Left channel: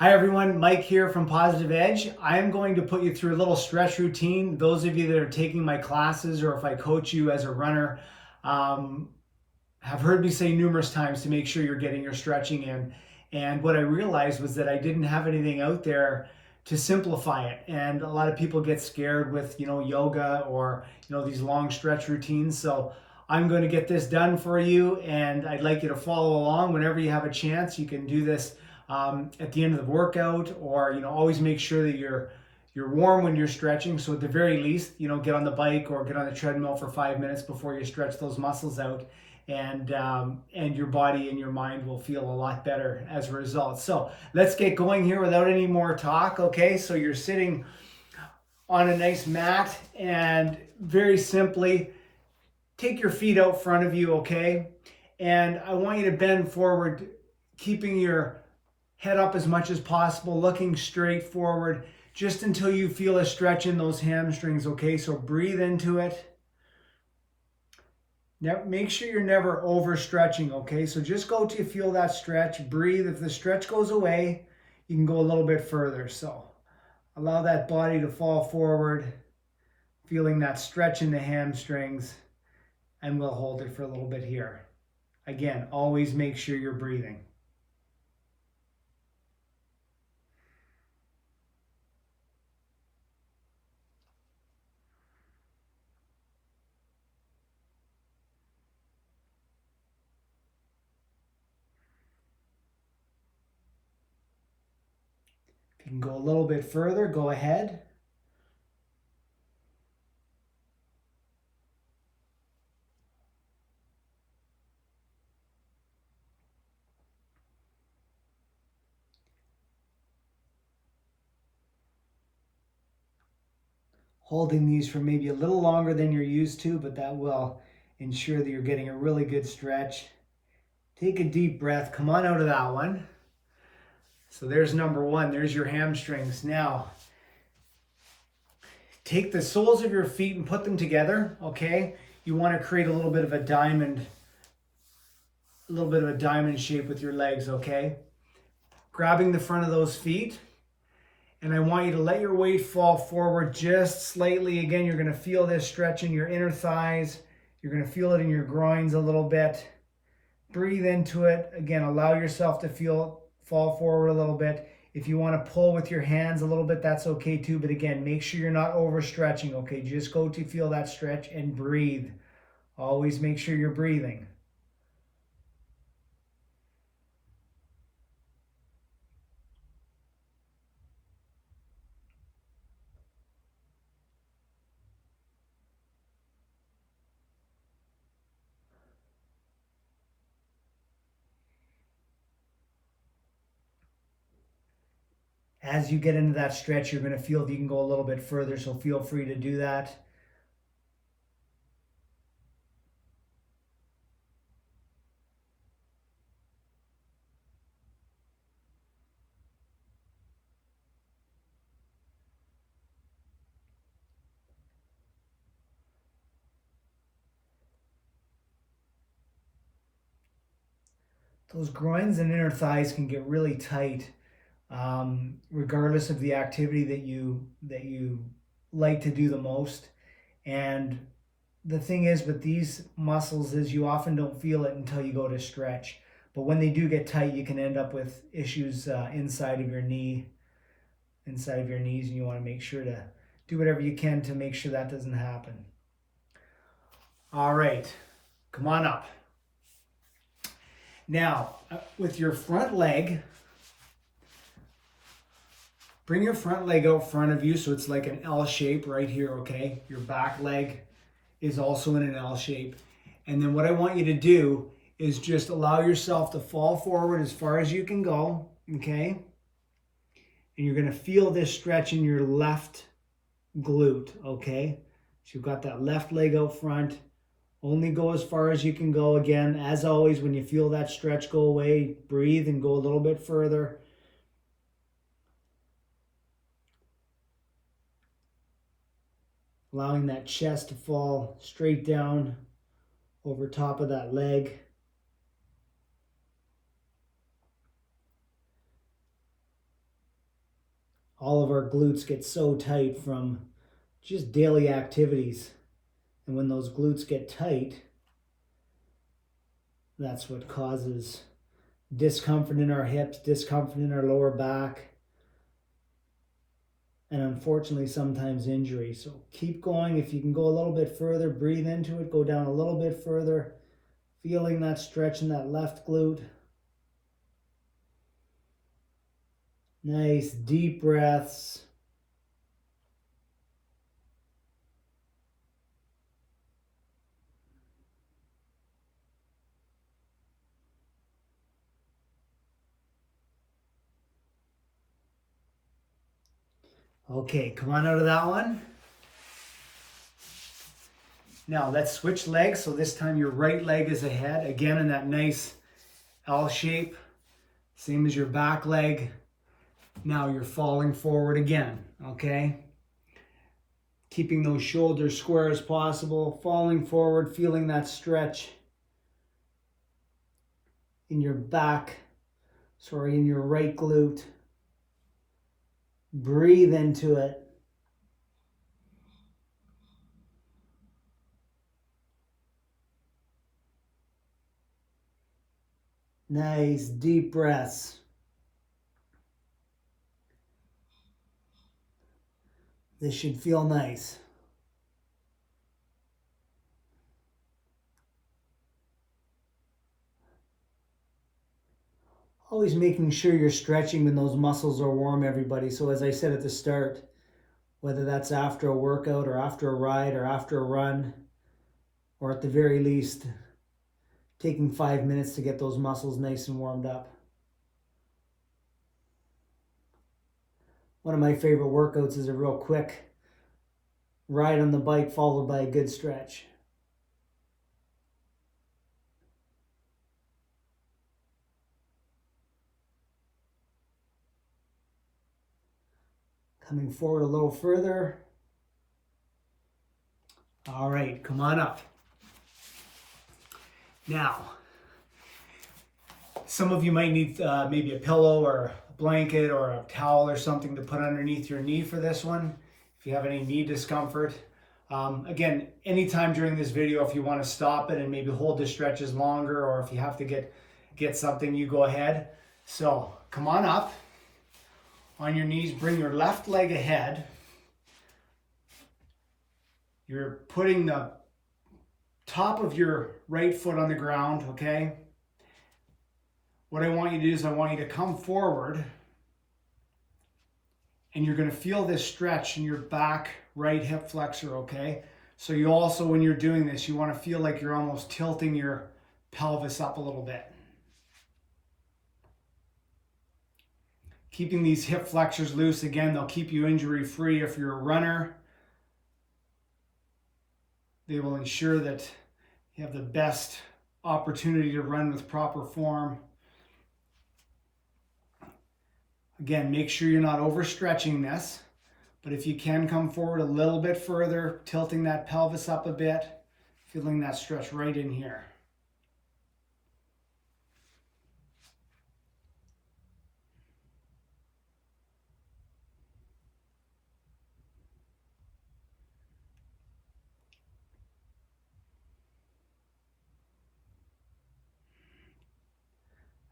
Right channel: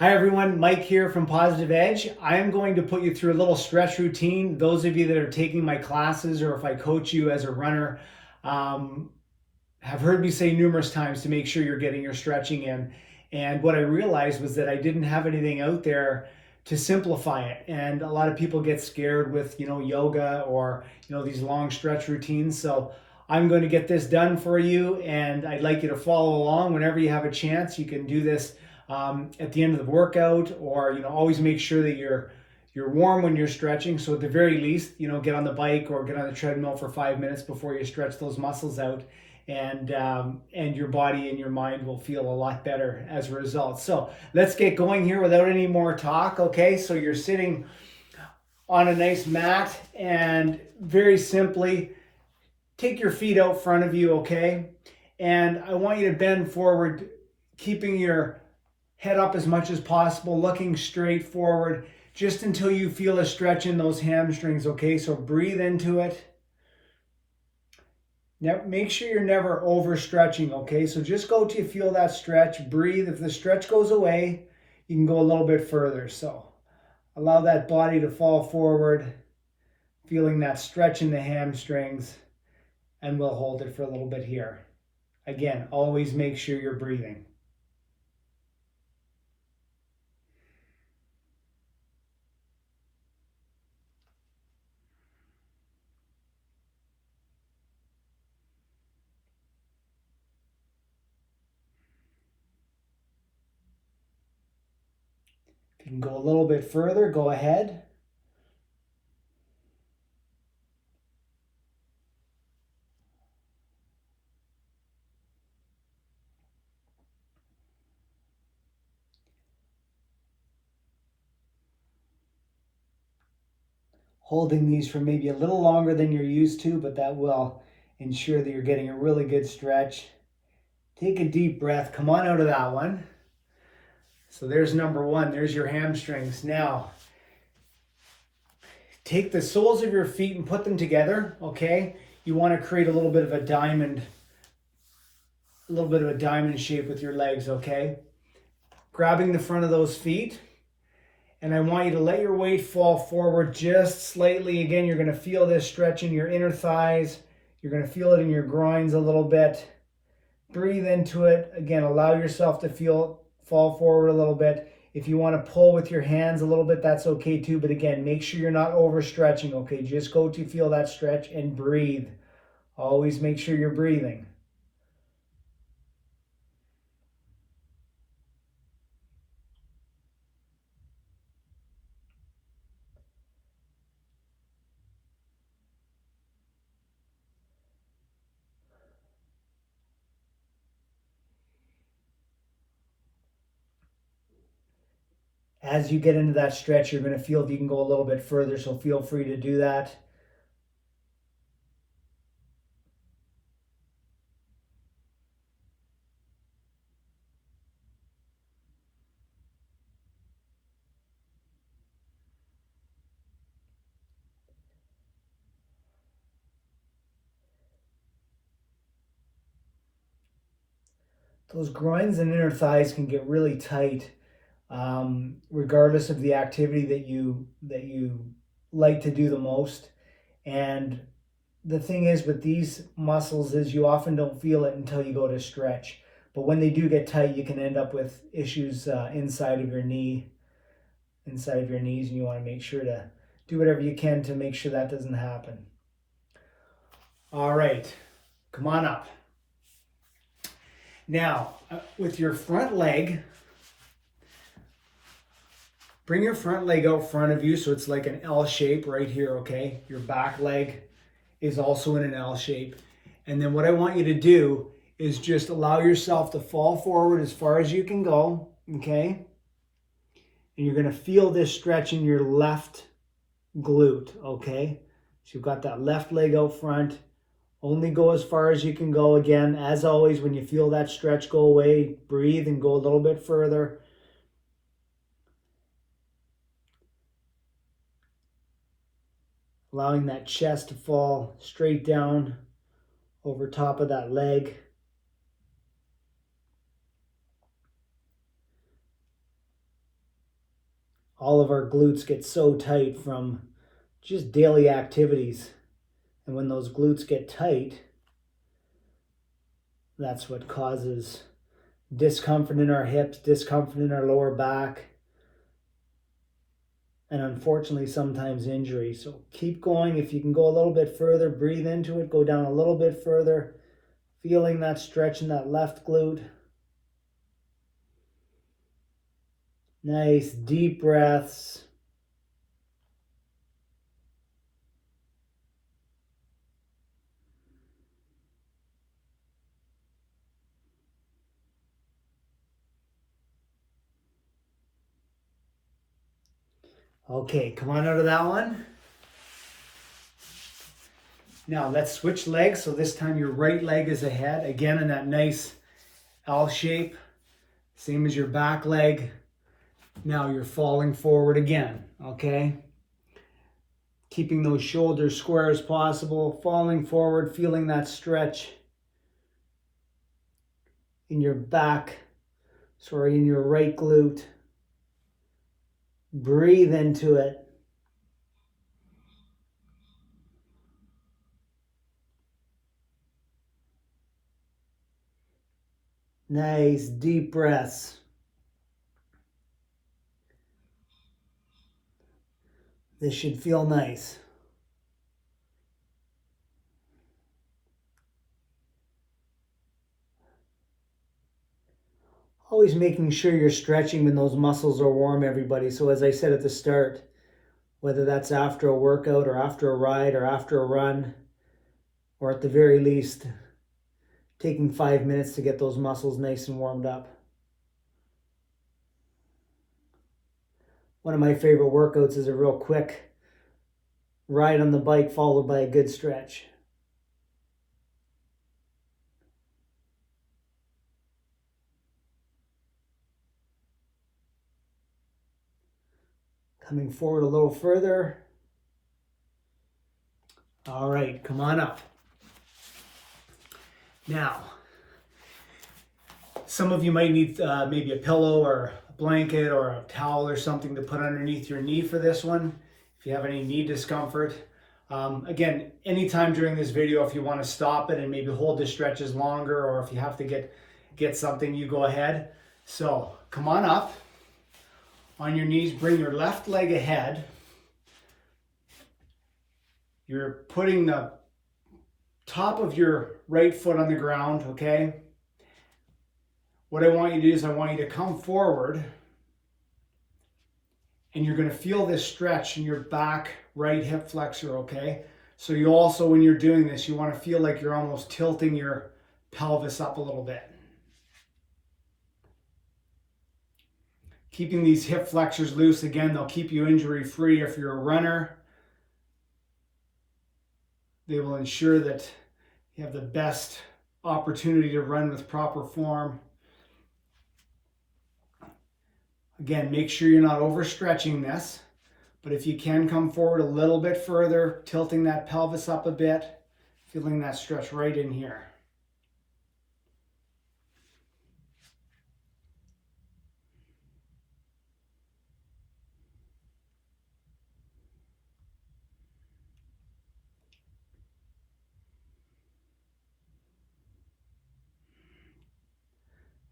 Hi everyone, Mike here from Positive Edge. I am going to put you through a little stretch routine. Those of you that are taking my classes or if I coach you as a runner have heard me say numerous times to make sure you're getting your stretching in. And what I realized was that I didn't have anything out there to simplify it. And a lot of people get scared with, yoga or, these long stretch routines. So I'm going to get this done for you, and I'd like you to follow along whenever you have a chance. You can do this at the end of the workout, or always make sure that you're warm when you're stretching. So at the very least, get on the bike or get on the treadmill for 5 minutes before you stretch those muscles out, and your body and your mind will feel a lot better as a result. So let's get going here without any more talk. Okay, so you're sitting on a nice mat, and very simply take your feet out front of you. Okay, and I want you to bend forward, keeping your head up as much as possible, looking straight forward, just until you feel a stretch in those hamstrings. Okay, so breathe into it. Make sure you're never overstretching. Okay, so just go till you feel that stretch. Breathe. If the stretch goes away, you can go a little bit further. So allow that body to fall forward, feeling that stretch in the hamstrings, and we'll hold it for a little bit here. Again, always make sure you're breathing. If you can go a little bit further, go ahead. Holding these for maybe a little longer than you're used to, but that will ensure that you're getting a really good stretch. Take a deep breath. Come on out of that one. So there's number one. There's your hamstrings. Now, take the soles of your feet and put them together, okay? You want to create a little bit of a diamond shape with your legs, okay? Grabbing the front of those feet, and I want you to let your weight fall forward just slightly. Again, you're going to feel this stretch in your inner thighs. You're going to feel it in your groins a little bit. Breathe into it. Again, allow yourself to fall forward a little bit. If you want to pull with your hands a little bit, that's okay too. But again, make sure you're not overstretching, okay? Just go to feel that stretch and breathe. Always make sure you're breathing. As you get into that stretch, you're going to feel that you can go a little bit further, so feel free to do that. Those groins and inner thighs can get really tight, regardless of the activity that you like to do the most. And the thing is with these muscles is you often don't feel it until you go to stretch. But when they do get tight, you can end up with issues inside of your knees, and you want to make sure to do whatever you can to make sure that doesn't happen. All right, come on up. Now, with your front leg, bring your front leg out front of you so it's like an L shape right here, okay? Your back leg is also in an L shape. And then what I want you to do is just allow yourself to fall forward as far as you can go, okay? And you're gonna feel this stretch in your left glute, okay? So you've got that left leg out front. Only go as far as you can go. Again, as always, when you feel that stretch go away, breathe and go a little bit further. Allowing that chest to fall straight down over top of that leg. all of our glutes get so tight from just daily activities. And when those glutes get tight, that's what causes discomfort in our hips, discomfort in our lower back, and unfortunately sometimes injury. So keep going. If you can go a little bit further, breathe into it, go down a little bit further, feeling that stretch in that left glute. Nice deep breaths. Okay, come on out of that one. Now let's switch legs. So this time your right leg is ahead, again in that nice L shape, same as your back leg. Now you're falling forward again, okay? Keeping those shoulders square as possible, falling forward, feeling that stretch in your in your right glute. Breathe into it. Nice deep breaths. This should feel nice. Always making sure you're stretching when those muscles are warm, everybody. So as I said at the start, whether that's after a workout or after a ride or after a run, or at the very least, taking 5 minutes to get those muscles nice and warmed up. One of my favorite workouts is a real quick ride on the bike followed by a good stretch. Coming forward a little further. All right, come on up. Now, some of you might need maybe a pillow or a blanket or a towel or something to put underneath your knee for this one, if you have any knee discomfort. Again, anytime during this video, if you want to stop it and maybe hold the stretches longer, or if you have to get something, you go ahead. So come on up. On your knees, bring your left leg ahead. You're putting the top of your right foot on the ground, okay? What I want you to do is I want you to come forward, and you're going to feel this stretch in your back right hip flexor, okay? So you also, when you're doing this, you want to feel like you're almost tilting your pelvis up a little bit. Keeping these hip flexors loose, again, they'll keep you injury free. If you're a runner, they will ensure that you have the best opportunity to run with proper form. Again, make sure you're not overstretching this, but if you can come forward a little bit further, tilting that pelvis up a bit, feeling that stretch right in here.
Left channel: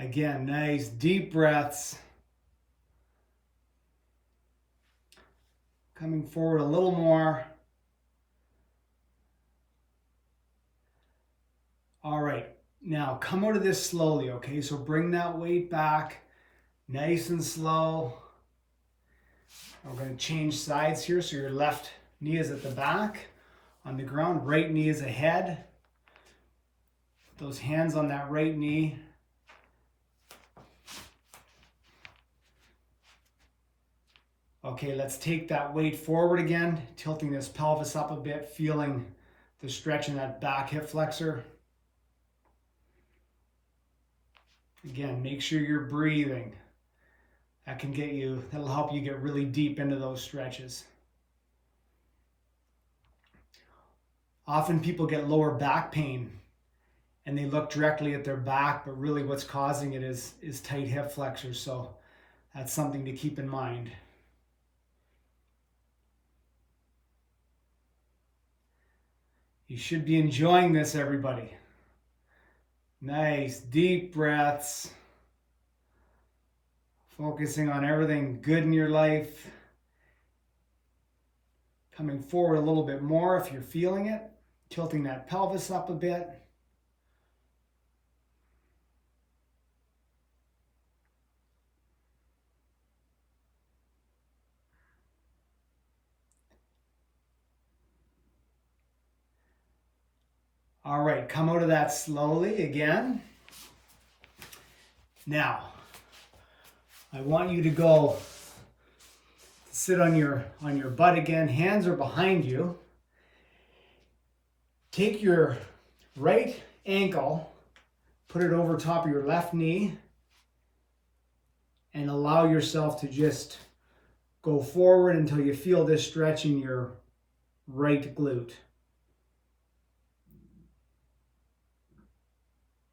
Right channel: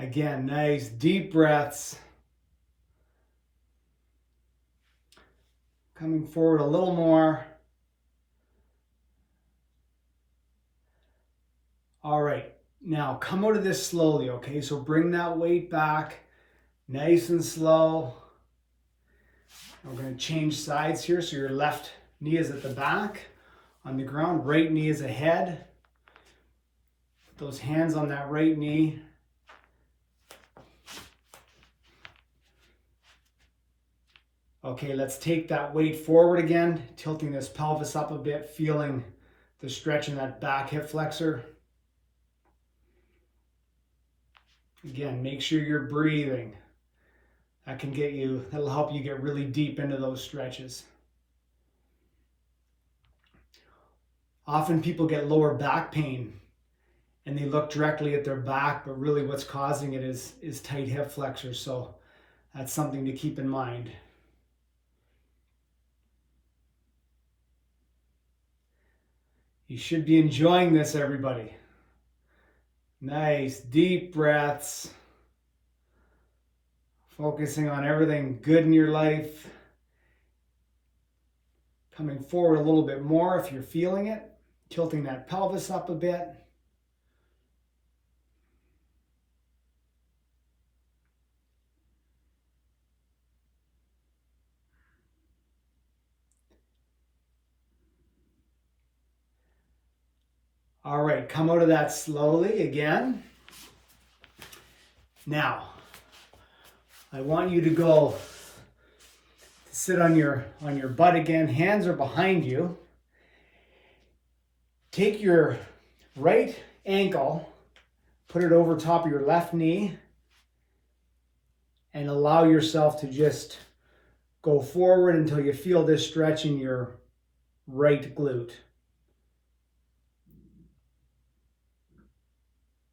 Again, nice deep breaths. Coming forward a little more. All right, now come out of this slowly, okay? So bring that weight back, nice and slow. We're going to change sides here. So your left knee is at the back on the ground, right knee is ahead. Put those hands on that right knee. Okay, let's take that weight forward again, tilting this pelvis up a bit, feeling the stretch in that back hip flexor. Again, make sure you're breathing. That'll help you get really deep into those stretches. Often people get lower back pain and they look directly at their back, but really what's causing it is tight hip flexors. So that's something to keep in mind. You should be enjoying this, everybody. Nice, deep breaths. Focusing on everything good in your life. Coming forward a little bit more if you're feeling it. Tilting that pelvis up a bit. All right, come out of that slowly again. Now, I want you to go sit on your butt again. Hands are behind you. Take your right ankle, put it over top of your left knee, and allow yourself to just go forward until you feel this stretch in your right glute.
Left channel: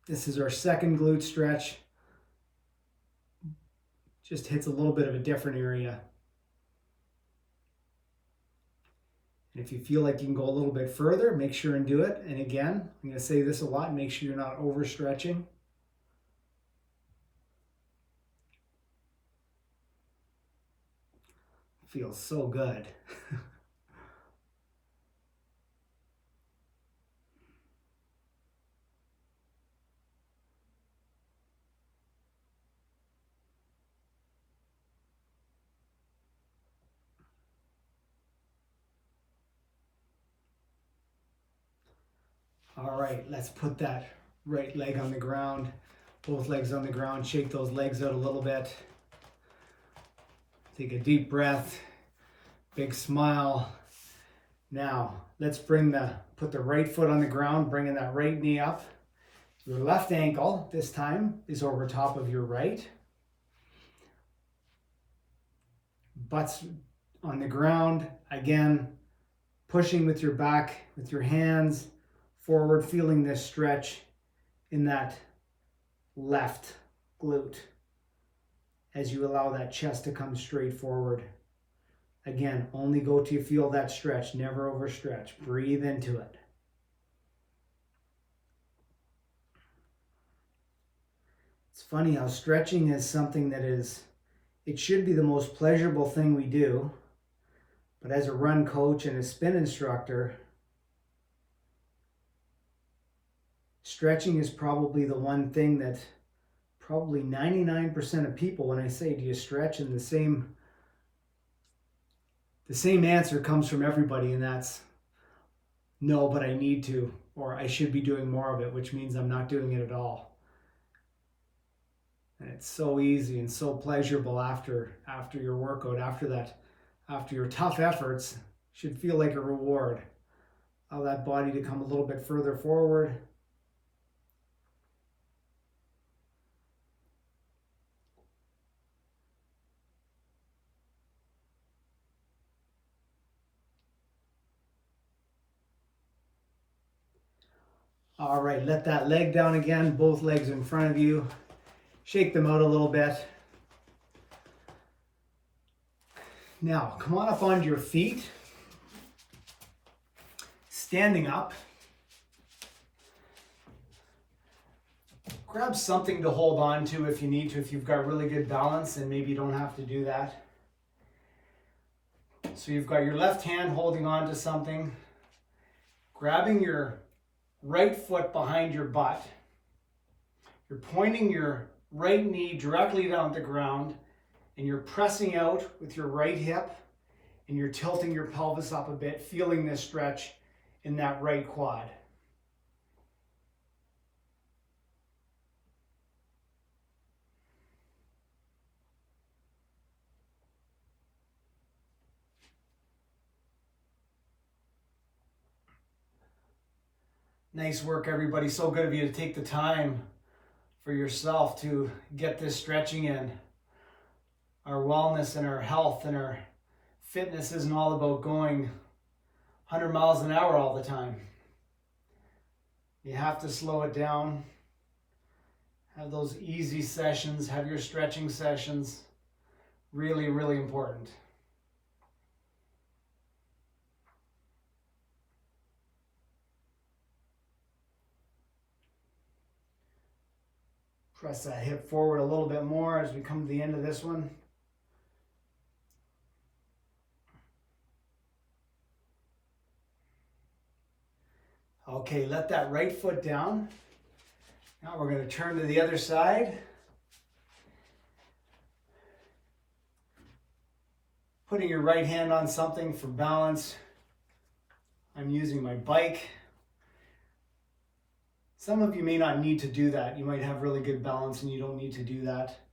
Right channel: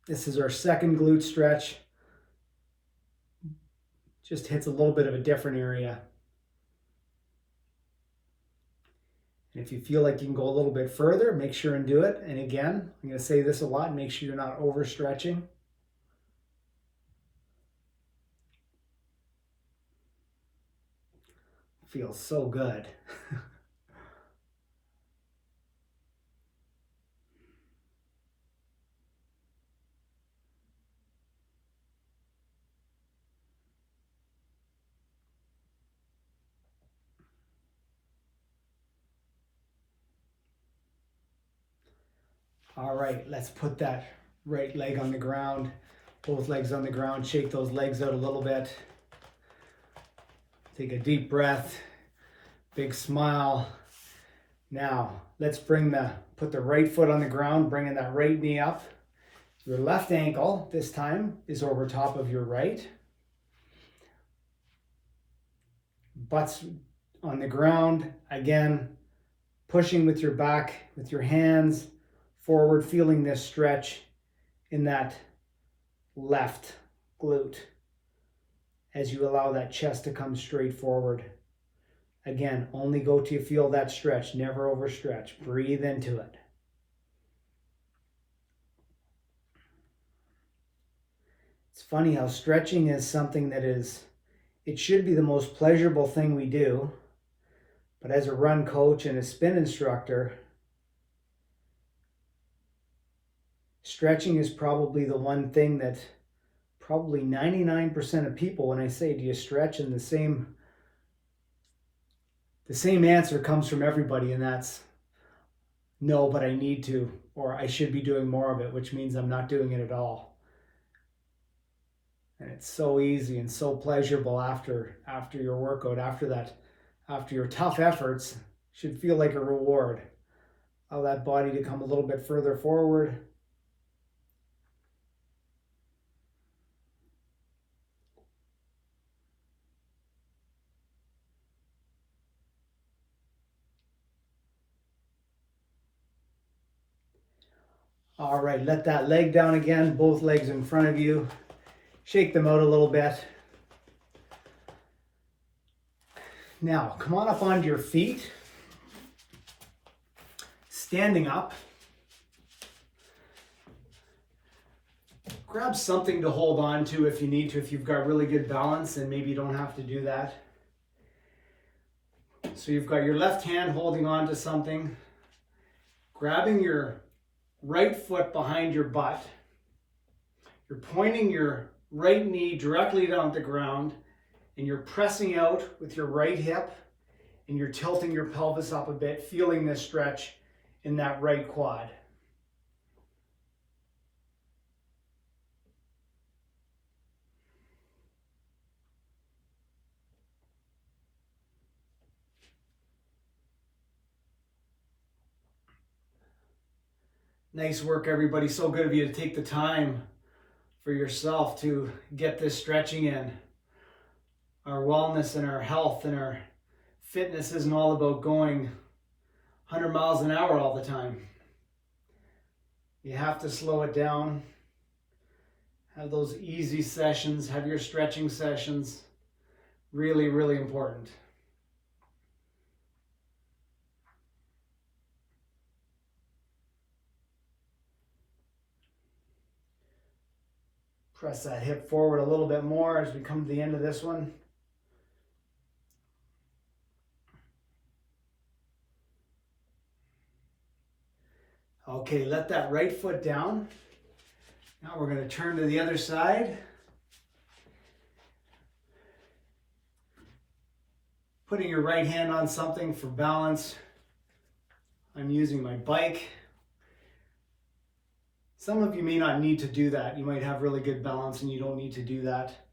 This is our second glute stretch. Just hits a little bit of a different area. And if you feel like you can go a little bit further, make sure and do it. And again, I'm going to say this a lot, make sure you're not overstretching. Feels so good. All right, let's put that right leg on the ground, both legs on the ground, shake those legs out a little bit. Take a deep breath, big smile. Now, let's put the right foot on the ground, bringing that right knee up. Your left ankle, this time, is over top of your right. Butt's on the ground, again, pushing with your back, with your hands, forward, feeling this stretch in that left glute as you allow that chest to come straight forward. Again, only go till you feel that stretch, never overstretch. Breathe into it. It's funny how stretching is something that it should be the most pleasurable thing we do, but as a run coach and a spin instructor, stretching is probably the one thing that probably 99% of people, when I say, do you stretch? And the same answer comes from everybody, and that's no, but I need to, or I should be doing more of it, which means I'm not doing it at all. And it's so easy and so pleasurable after your workout, after your tough efforts, should feel like a reward. Allow that body to come a little bit further forward. All right, let that leg down again, both legs in front of you. Shake them out a little bit. Now, come on up onto your feet. Standing up. Grab something to hold on to if you need to, if you've got really good balance, and maybe you don't have to do that. So you've got your left hand holding on to something, grabbing your right foot behind your butt. You're pointing your right knee directly down the ground, and you're pressing out with your right hip, and you're tilting your pelvis up a bit, feeling this stretch in that right quad. Nice work, everybody. So good of you to take the time for yourself to get this stretching in. Our wellness and our health and our fitness isn't all about going 100 miles an hour all the time. You have to slow it down. Have those easy sessions, have your stretching sessions. Really, really important. Press that hip forward a little bit more as we come to the end of this one. Okay, let that right foot down. Now we're going to turn to the other side. Putting your right hand on something for balance. I'm using my bike. Some of you may not need to do that. You might have really good balance and you don't need to do that.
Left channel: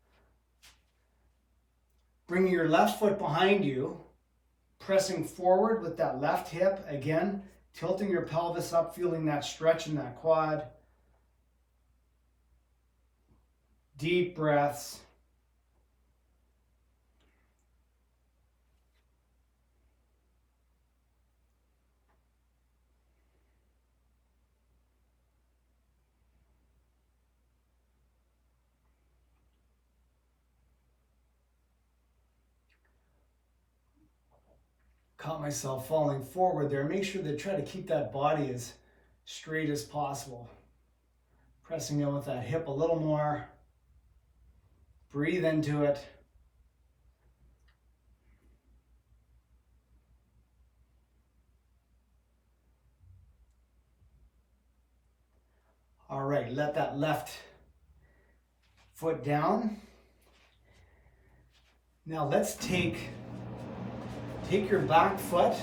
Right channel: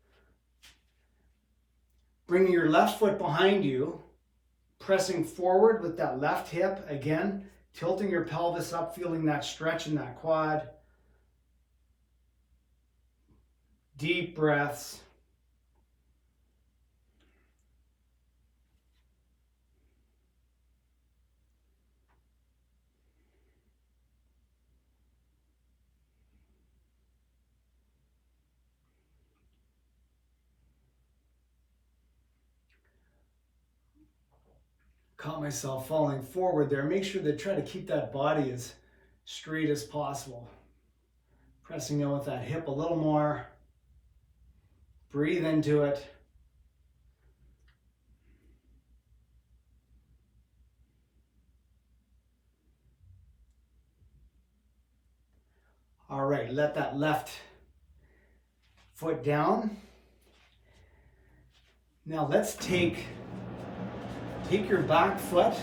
Bring your left foot behind you, pressing forward with that left hip. Again, tilting your pelvis up, feeling that stretch in that quad. Deep breaths. Caught myself falling forward there. Make sure to try to keep that body as straight as possible. Pressing in with that hip a little more. Breathe into it. All right, let that left foot down. Now let's take your back foot,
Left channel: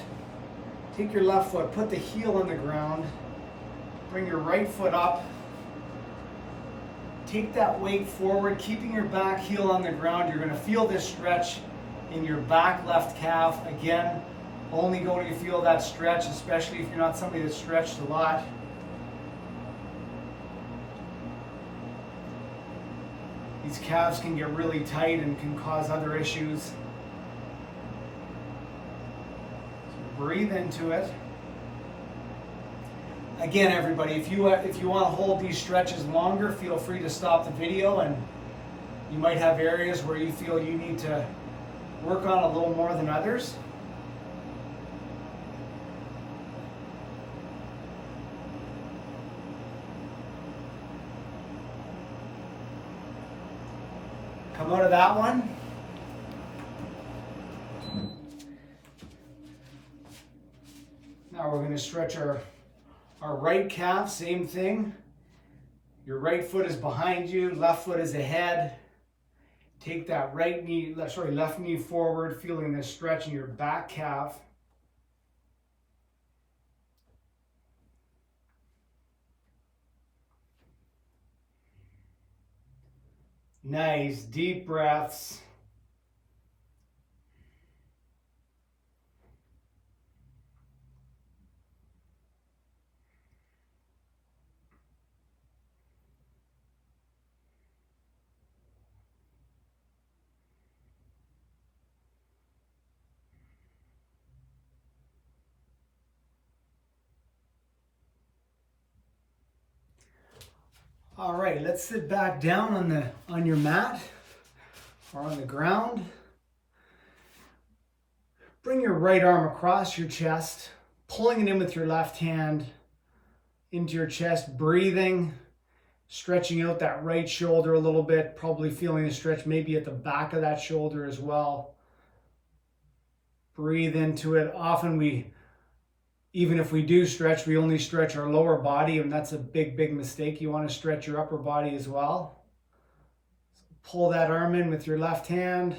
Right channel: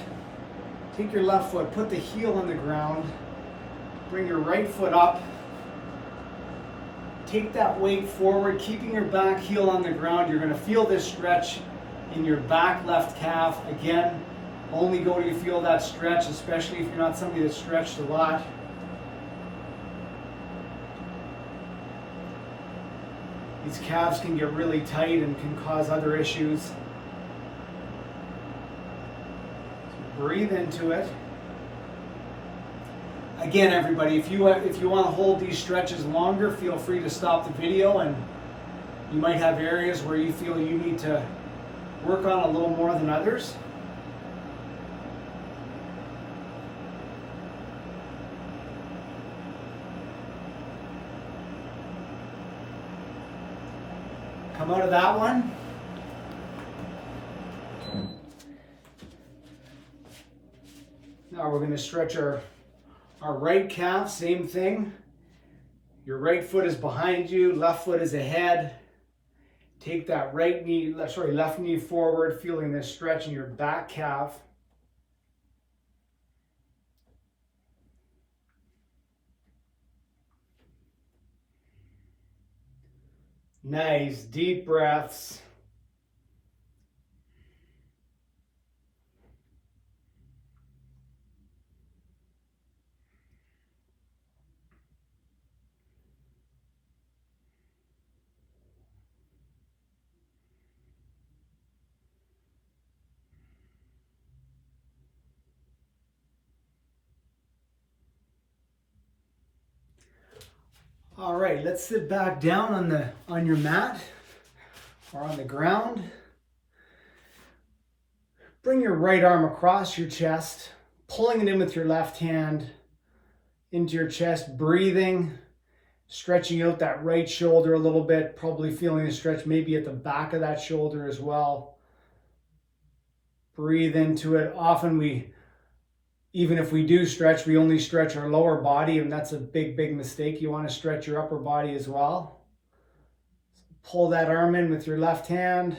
take your left foot, put the heel on the ground, bring your right foot up, take that weight forward, keeping your back heel on the ground. You're going to feel this stretch in your back left calf. Again, only go to feel that stretch, especially if you're not somebody that's stretched a lot. These calves can get really tight and can cause other issues. Breathe into it. Again, everybody, if you want to hold these stretches longer, feel free to stop the video, and you might have areas where you feel you need to work on a little more than others. Come out of that one. Now we're going to stretch our right calf, same thing. Your right foot is behind you, left foot is ahead. Take that left knee forward, feeling this stretch in your back calf. Nice, deep breaths. All right, let's sit back down on your mat or on the ground. Bring your right arm across your chest, pulling it in with your left hand into your chest, breathing, stretching out that right shoulder a little bit, probably feeling the stretch maybe at the back of that shoulder as well. Breathe into it. Often even if we do stretch, we only stretch our lower body, and that's a big, big mistake. You want to stretch your upper body as well. Pull that arm in with your left hand.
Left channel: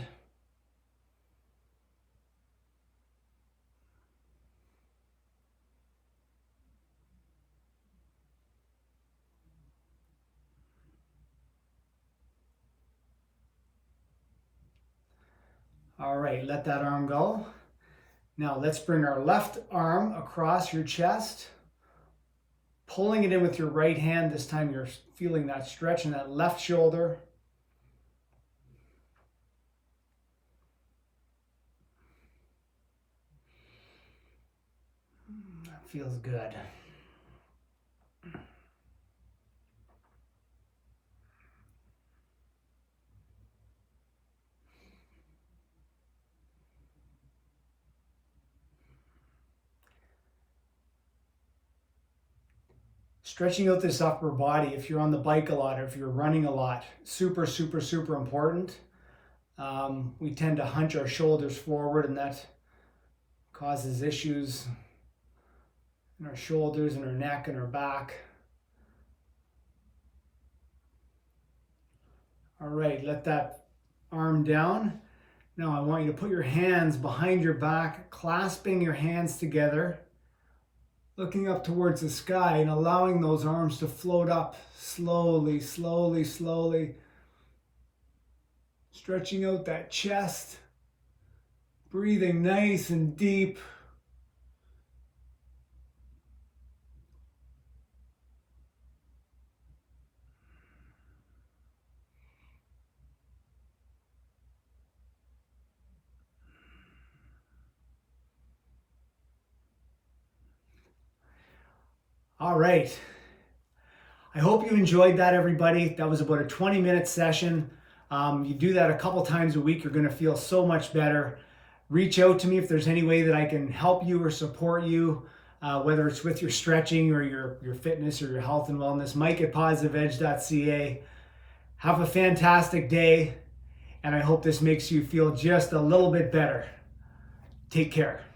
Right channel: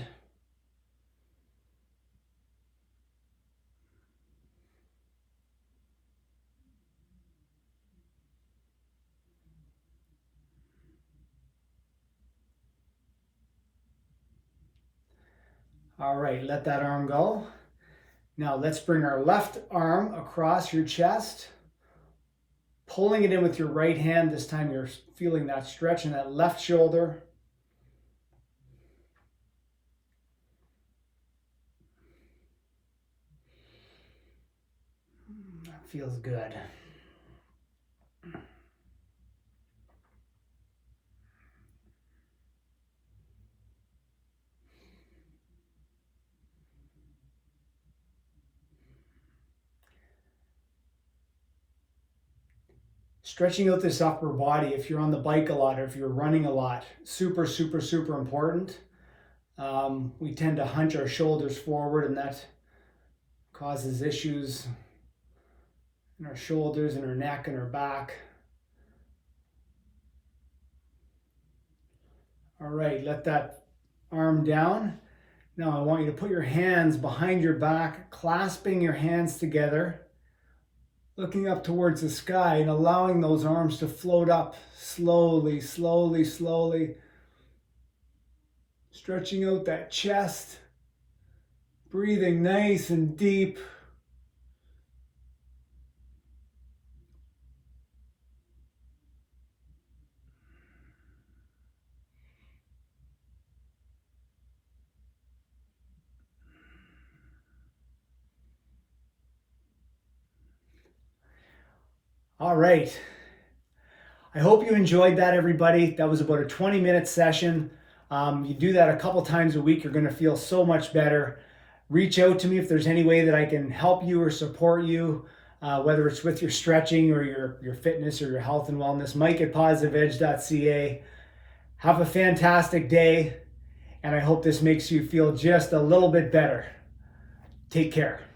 All right, let that arm go. Now let's bring our left arm across your chest, pulling it in with your right hand. This time you're feeling that stretch in that left shoulder. That feels good. Stretching out this upper body, if you're on the bike a lot, or if you're running a lot, super, super, super important. We tend to hunch our shoulders forward, and that causes issues in our shoulders and our neck and our back. All right, let that arm down. Now I want you to put your hands behind your back, clasping your hands together, looking up towards the sky and allowing those arms to float up slowly, slowly, slowly. Stretching out that chest, breathing nice and deep. All right. I hope you enjoyed that, everybody. That was about a 20-minute session. You do that a couple times a week, you're going to feel so much better. Reach out to me if there's any way that I can help you or support you, whether it's with your stretching or your fitness or your health and wellness. Mike@positiveedge.ca. Have a fantastic day, and I hope this makes you feel just a little bit better. Take care.